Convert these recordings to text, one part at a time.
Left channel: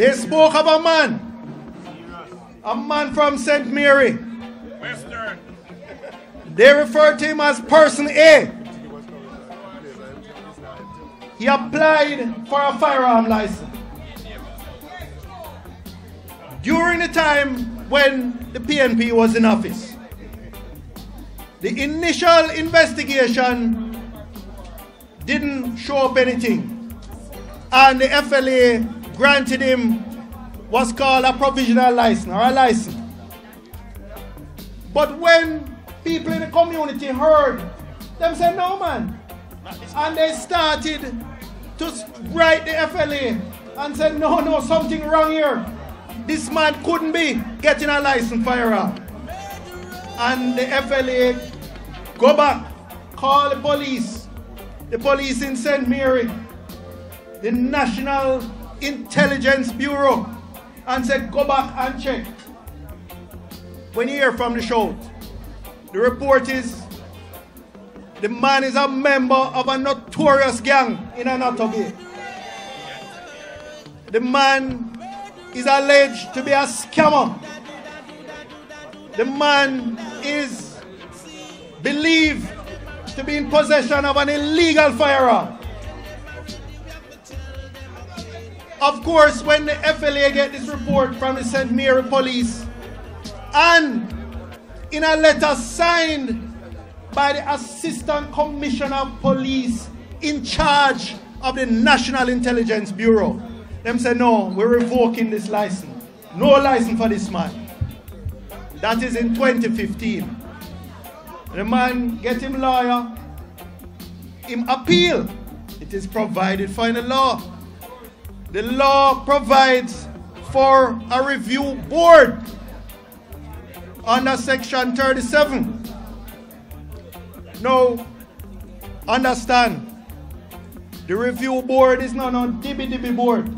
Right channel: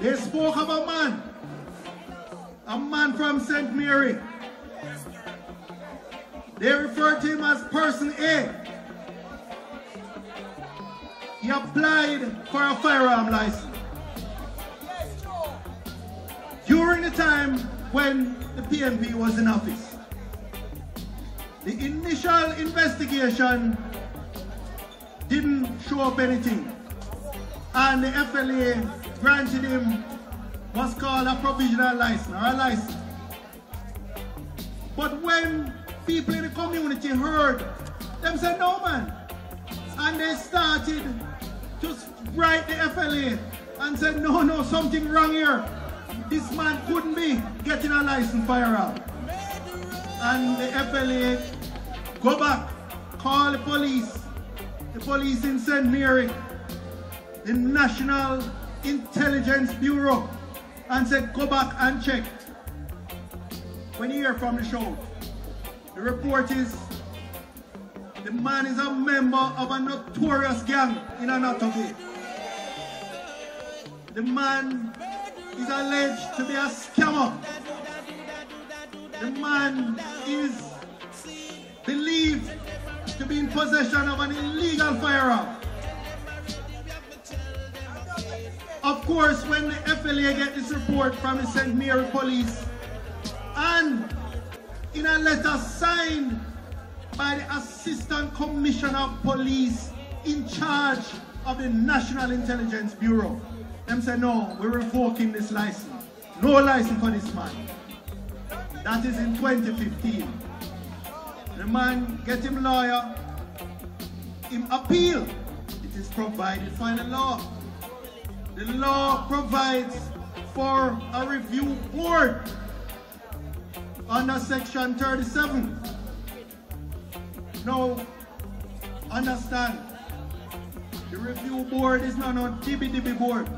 They spoke of a man from St. Mary. They referred to him as Person A. He applied for a firearm license. During the time when the PNP was in office, the initial investigation didn't show up anything, and the FLA granted him what's called a provisional license or a license. But when people in the community heard, them said, no man, and they started to write the FLA and said, no, something wrong here. This man couldn't be getting a license firearm. And the FLA go back, call the police in St. Mary, the National Intelligence Bureau, and said, go back and check. When you hear from the show, the report is, the man is a member of a notorious gang in Montague. The man is alleged to be a scammer. The man is believed to be in possession of an illegal firearm. Of course, when the FLA get this report from the St. Mary police, and in a letter signed by the Assistant Commissioner of Police in charge of the National Intelligence Bureau, them say, no, we're revoking this license. No license for this man. That is in 2015. The man get him lawyer, him appeal. It is provided for in the law. The law provides for a review board under section 37. Now, understand, the review board is not a dibby board.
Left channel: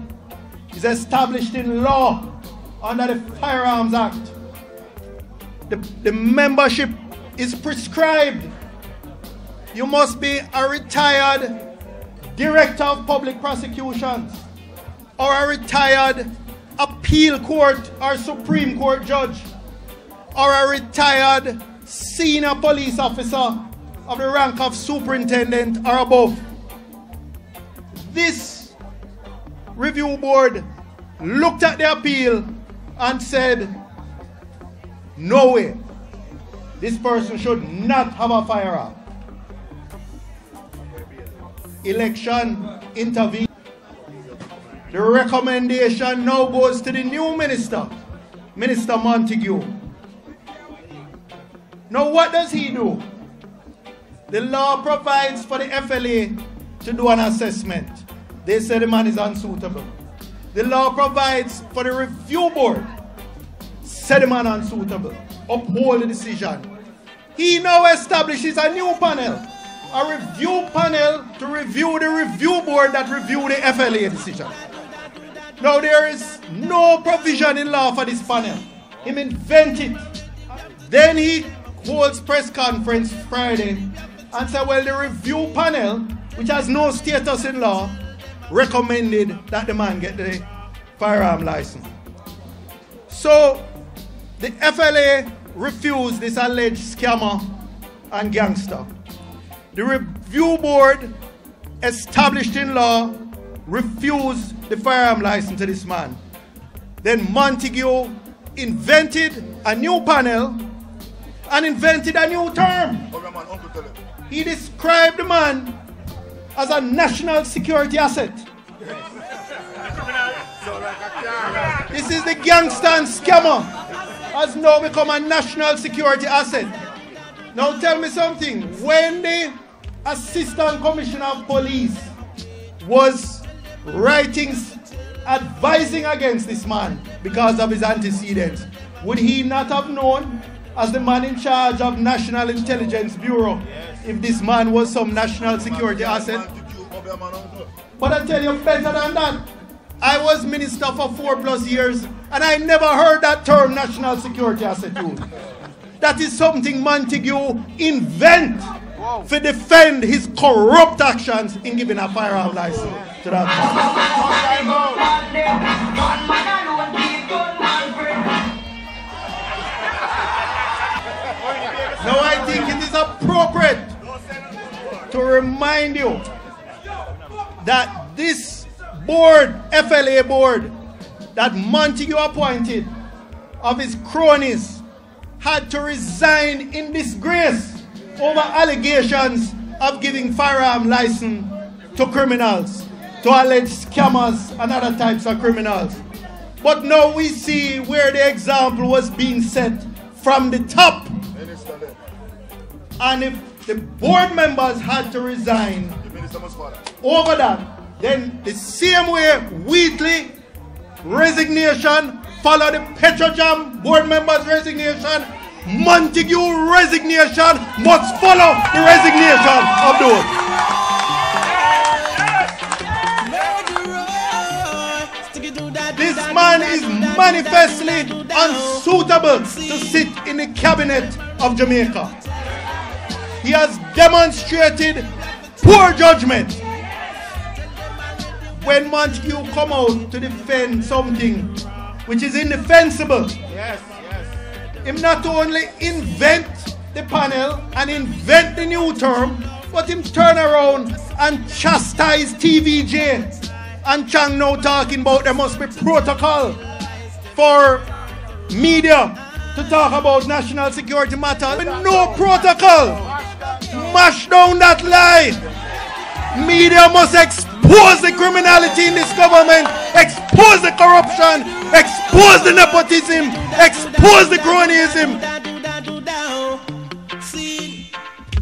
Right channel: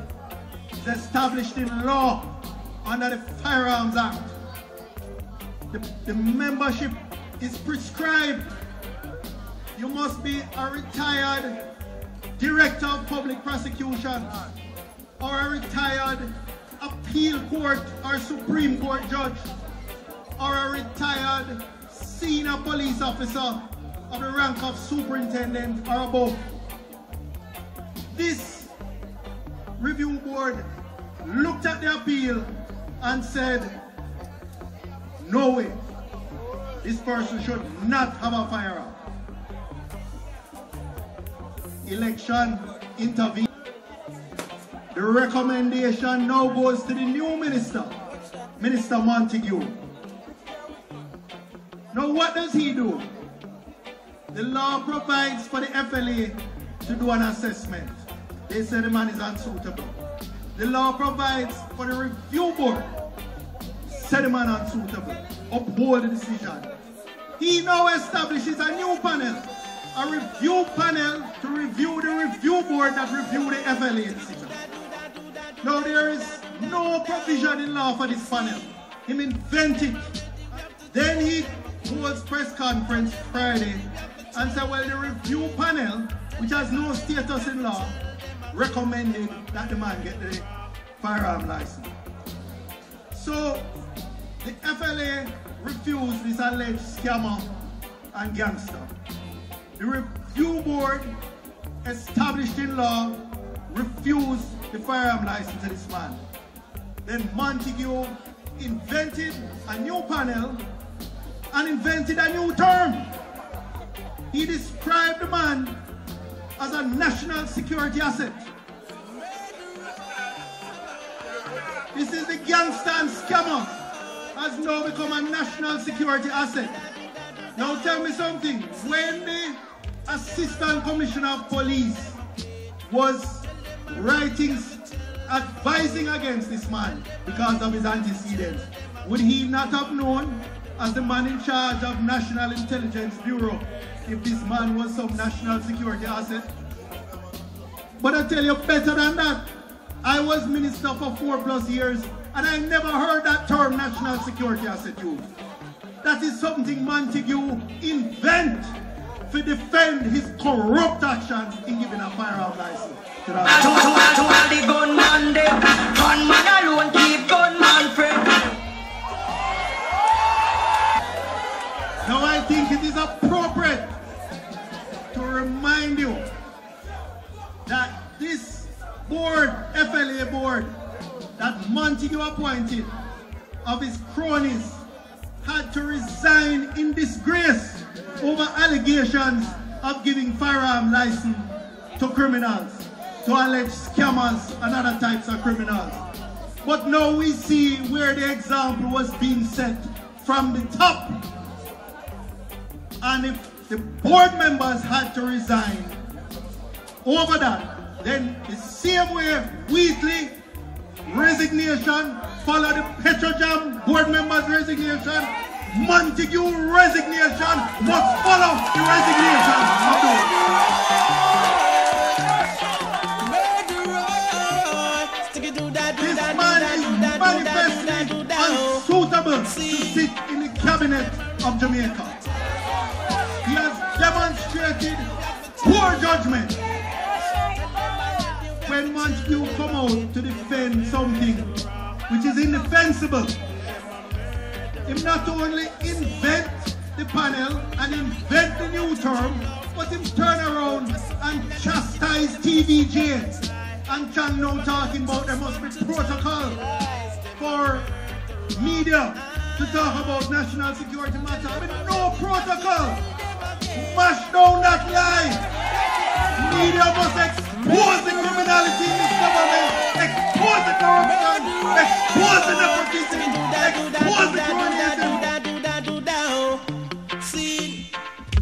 It's established in law under the Firearms Act. The membership is prescribed. You must be a retired director of public prosecutions or a retired appeal court or Supreme Court judge or a retired senior police officer of the rank of superintendent or above. This review board looked at the appeal and said, no way, this person should not have a firearm. Election intervened. The recommendation now goes to the new minister, Minister Montague. Now what does he do? The law provides for the FLA to do an assessment. They say the man is unsuitable. The law provides for the review board, say the man unsuitable, uphold the decision. He now establishes a new panel, a review panel to review the review board that review the FLA decision. Now there is no provision in law for this panel. Him invented it. Then he holds press conference Friday and said, well, the review panel, which has no status in law, recommended that the man get the firearm license. So the FLA refused this alleged scammer and gangster. The review board, established in law, refused the firearm license to this man. Then Montague invented a new panel and invented a new term. He described the man as a national security asset. This is the gangster and scammer has now become a national security asset. Now tell me something. When the Assistant Commissioner of Police was writing, advising against this man because of his antecedents, would he not have known, as the man in charge of National Intelligence Bureau, if this man was some national security asset? But I tell you better than that. I was minister for 4+ years and I never heard that term national security asset used. That is something Montague invent to defend his corrupt actions in giving a firearm license. to that. Now I think it is appropriate to remind you that this board, FLA board, that Montague appointed of his cronies had to resign in disgrace over allegations of giving firearm license to criminals, to alleged scammers and other types of criminals. But now we see where the example was being set from the top. And if the board members had to resign over that, then the same way Wheatley resignation follow the Petrojam board members resignation, Montague resignation must follow the resignation of those. This man is manifestly unsuitable to sit in the cabinet of Jamaica. He has demonstrated poor judgment. When Montague come out to defend something which is indefensible, him not only invent the panel and invent the new term, but him turn around and chastise TVJ. And Chang now talking about there must be protocol for media to talk about national security matters. With no protocol. Mash down that lie. Media must expose the criminality in this government, expose the corruption, expose the nepotism, expose the cronyism.